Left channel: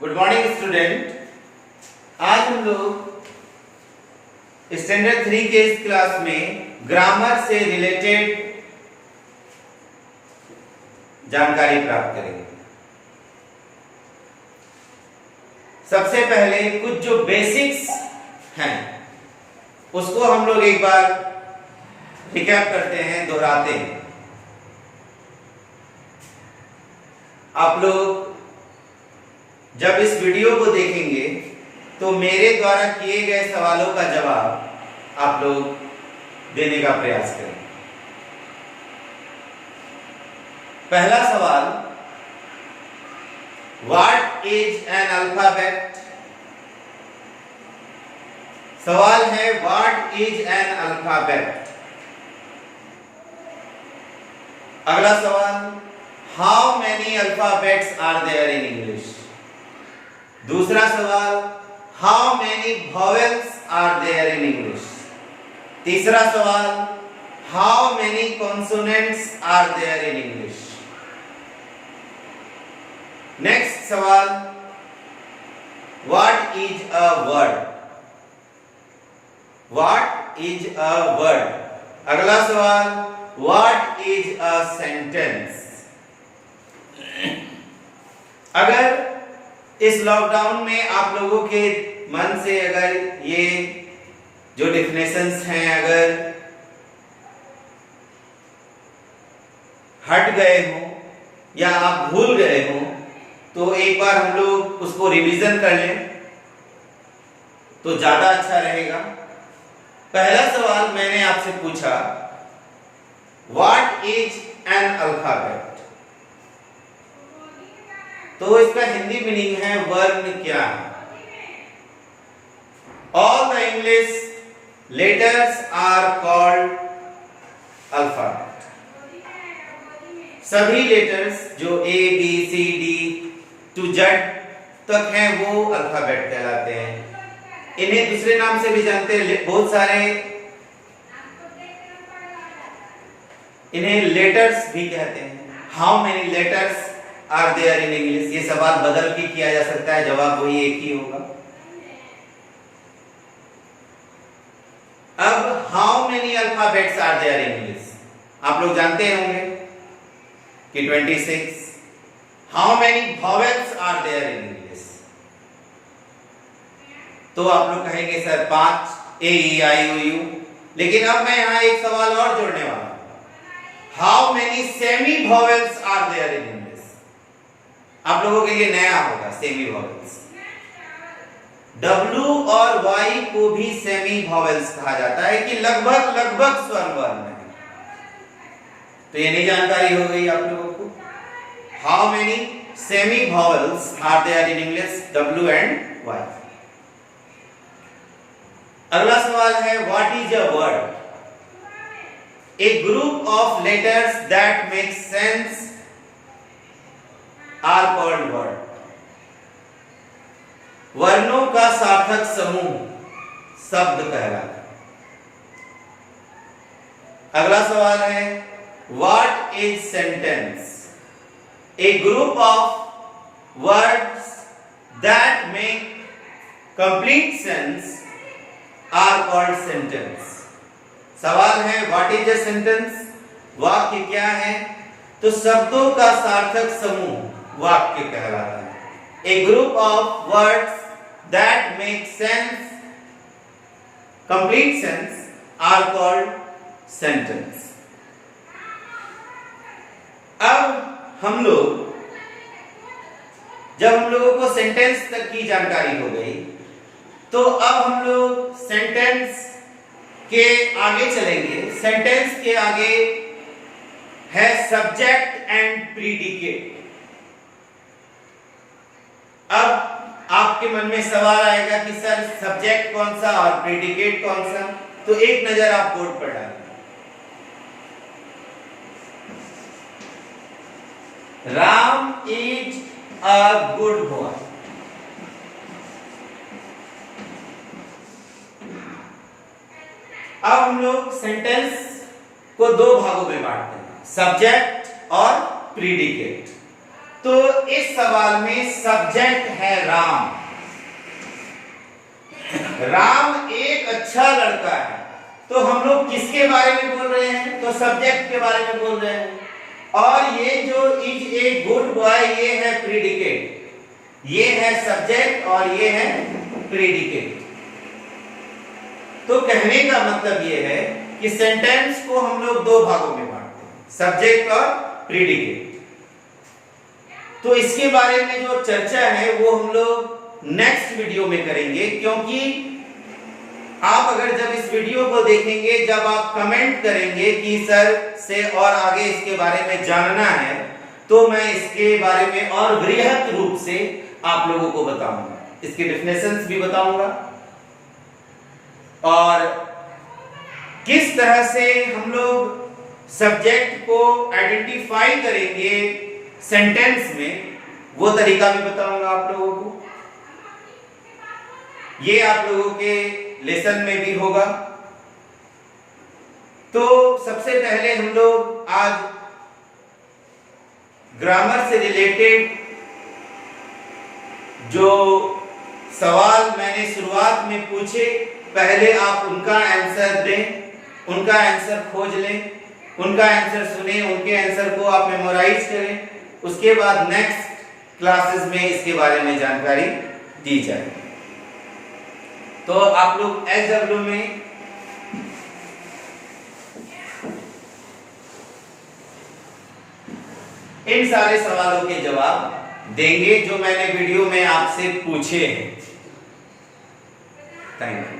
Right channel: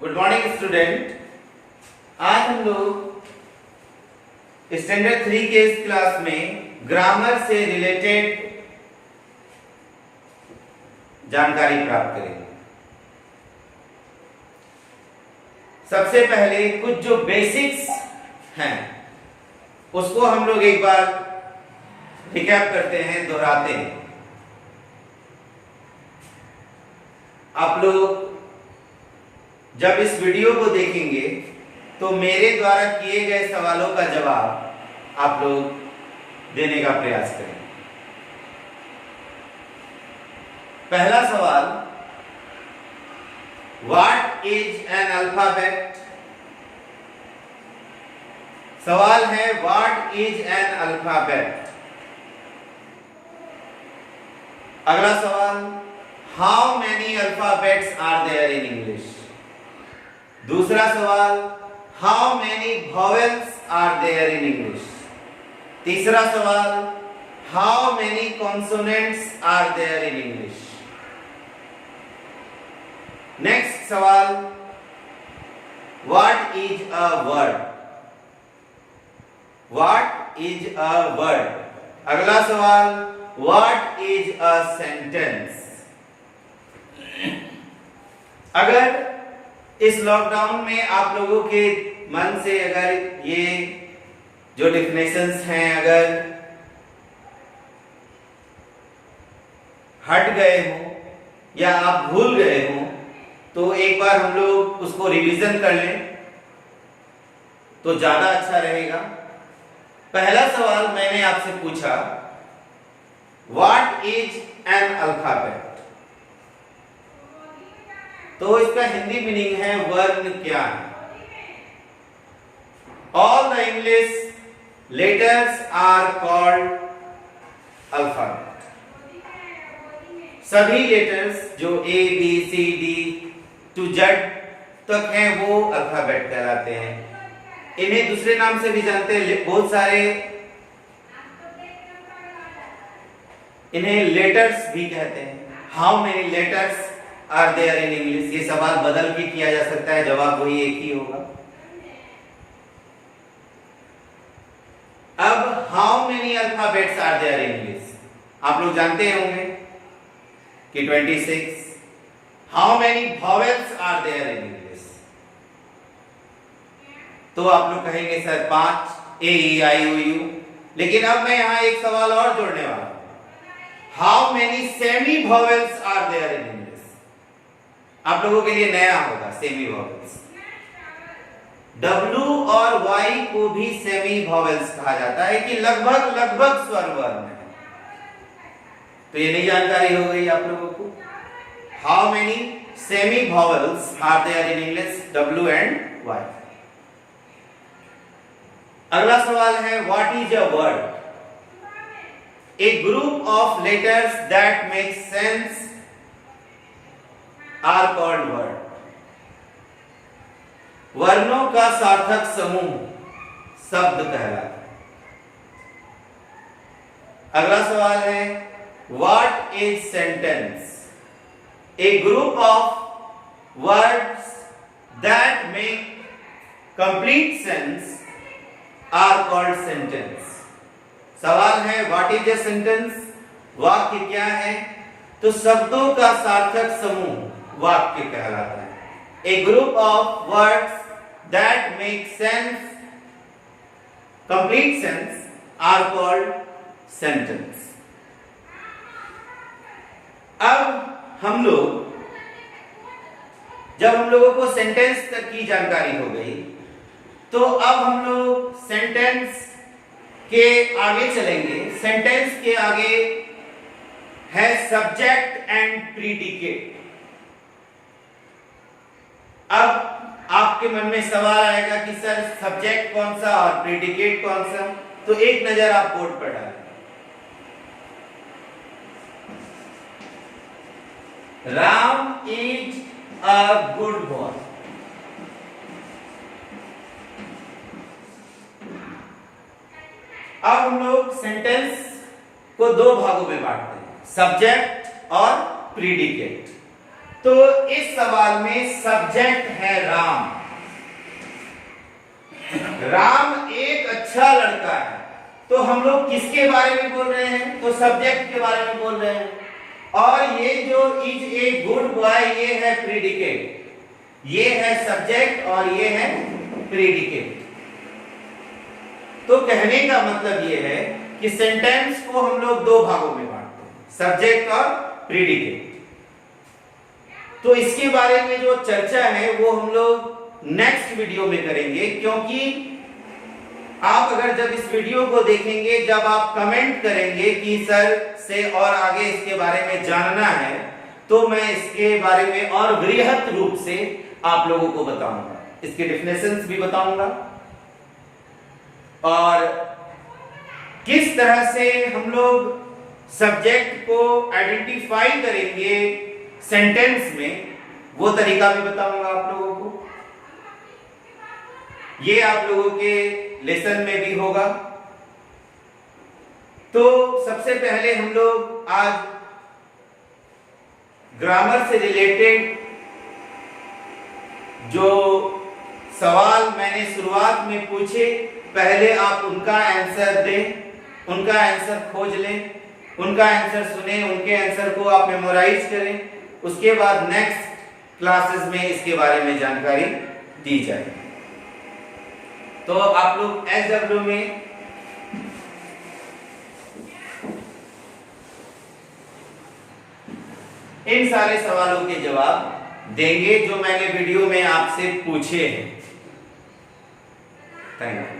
Good morning student. आज हम लोग स्टैंडर्ड 3 के इस क्लास में ग्रामर से रिलेटेड जानकारी प्राप्त करेंगे। सबसे पहले कुछ जो बेसिक्स हैं उसको हम लोग एक बार रिकैप करते हैं, दोहराते हैं। आप लोग जब इस वीडियो को देखेंगे तो मेरे द्वारा किए गए सवालों का जवाब आप लोग देने का प्रयास करें। पहला सवाल, व्हाट इज एन अल्फाबेट? सवाल है व्हाट इज एन अल्फाबेट। अगला सवाल, how many alphabets are there in English? दूसरा सवाल, how many vowels are there in English? तीसरा सवाल, how many consonants are there in English? Next सवाल, what is a word? What is a word? अगला सवाल, what is a sentence? अगर इस lockdown में आप लोगों के मन से अगर ये जो डिफिनेशंस हैं अगर हट गए हो या आप भूल गए हो तो एक बार हम लोग उसको रिवीजन कर लें तो ज्यादा अच्छा रहेगा। पहला सवाल मैंने आपसे पूछा, व्हाट इज एन अल्फाबेट? तो इसका हिंदी मीनिंग है वर्ण क्या है। All the English letters are called alphabet. सभी लेटर्स जो A B C D to Z तक हैं वो अल्फाबेट कहलाते हैं। इन्हें दूसरे नाम से भी जानते हैं, बहुत सारे इन्हें लेटर्स भी कहते हैं। How many letters are there in English? ये सवाल बदल के किया जा सकता है, जवाब वही एक ही होगा। अब how many alphabets are there in English आप लोग जानते होंगे कि 26। How many vowels are there in English? तो आप लोग कहेंगे sir 5, A E I O you. लेकिन अब मैं यहां एक सवाल और जोड़ने वाला हूं, how many semi vowels are there in English? आप लोगों के लिए नया होगा सेमी वॉवेल्स। W और Y को भी सेमी वॉवेल्स कहा जाता है कि लगभग स्वर वर्ण है। तो ये नई जानकारी हो गई आप लोगों को। How many semi vowels are there in English? W and Y। अगला सवाल है, what is a word? A group of letters that make sense are called word. वर्णों का सार्थक समूह शब्द कहलाता है। अगला सवाल है, what is sentence? A group of words that make complete sense are called sentence. सवाल है, व्हाट इज अ सेंटेंस? वाक्य क्या है? तो शब्दों का सार्थक समूह वाक्य कहलाता है। A group of words that make sense, complete sense are called sentence. अब हम लोग जब हम लोगों को सेंटेंस तक की जानकारी हो गई तो अब हम लोग सेंटेंस के आगे चलेंगे। सेंटेंस के आगे है सब्जेक्ट एंड प्रीडिकेट। अब आपके मन में सवाल आएगा कि सर सब्जेक्ट कौन सा और प्रीडिकेट कौन सा? तो एक नजर आप बोर्ड पर डालें। Ram is a good boy. अब हम लोग सेंटेंस को दो भागों में बांटते हैं, सब्जेक्ट और प्रीडिकेट। तो इस सवाल में सब्जेक्ट है राम। राम एक अच्छा लड़का है, तो हम लोग किसके बारे में बोल रहे हैं? तो सब्जेक्ट के बारे में बोल रहे हैं। और ये जो इज ए गुड बॉय, ये है प्रीडिकेट, ये है सब्जेक्ट और ये है प्रीडिकेट। तो कहने का मतलब ये है कि सेंटेंस को हम लोग दो भागों में बांटते हैं, सब्जेक्ट और प्रीडिकेट। तो इसके बारे में जो चर्चा है वो हम लोग नेक्स्ट वीडियो में करेंगे, क्योंकि आप अगर जब इस वीडियो को देखेंगे, जब आप कमेंट करेंगे कि सर से और आगे इसके बारे में जानना है, तो मैं इसके बारे में और वृहत रूप से आप लोगों को बताऊंगा, इसके डेफिनेशंस भी बताऊंगा और किस तरह से हम लोग सब्जेक्ट को आइडेंटिफाई करेंगे सेंटेंस में, वो तरीका भी बताऊंगा आप लोगों को। ये आप लोगों के लेसन में भी होगा। तो सबसे पहले हम लोग आज ग्रामर से रिलेटेड जो सवाल मैंने शुरुआत में पूछे, पहले आप उनका आंसर दें, उनका आंसर खोज लें, उनका आंसर सुने, उनके आंसर को आप मेमोराइज करें। उसके बाद नेक्स्ट क्लासेस में इसके बारे में जानकारी दी जाए। तो आप लोग SW में इन सारे सवालों के जवाब देंगे जो मैंने वीडियो में आपसे पूछे हैं। Thank you.